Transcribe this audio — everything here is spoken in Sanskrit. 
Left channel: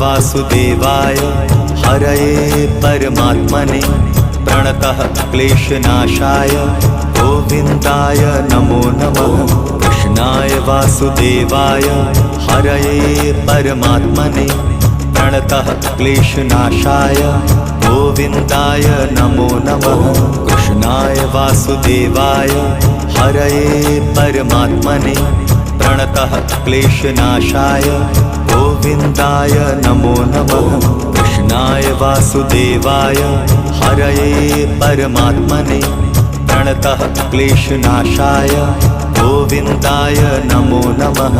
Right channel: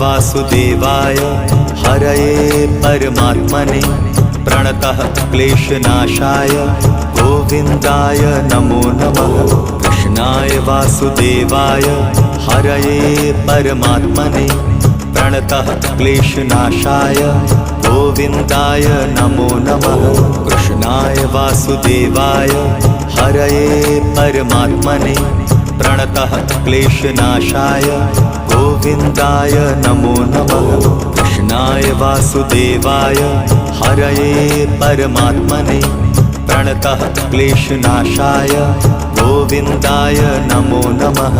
वासुदेवाय हरये परमात्मने प्रणतः क्लेशनाशाय गोविन्दाय नमो नमः। कृष्णाय वासुदेवाय हरये परमात्मने प्रणतः क्लेशनाशाय गोविन्दाय नमो नमः। कृष्णाय वासुदेवाय हरये परमात्मने प्रणतः क्लेशनाशाय गोविन्दाय नमो नमः। कृष्णाय वासुदेवाय हरये परमात्मने प्रणतः क्लेशनाशाय गोविन्दाय नमो नमः।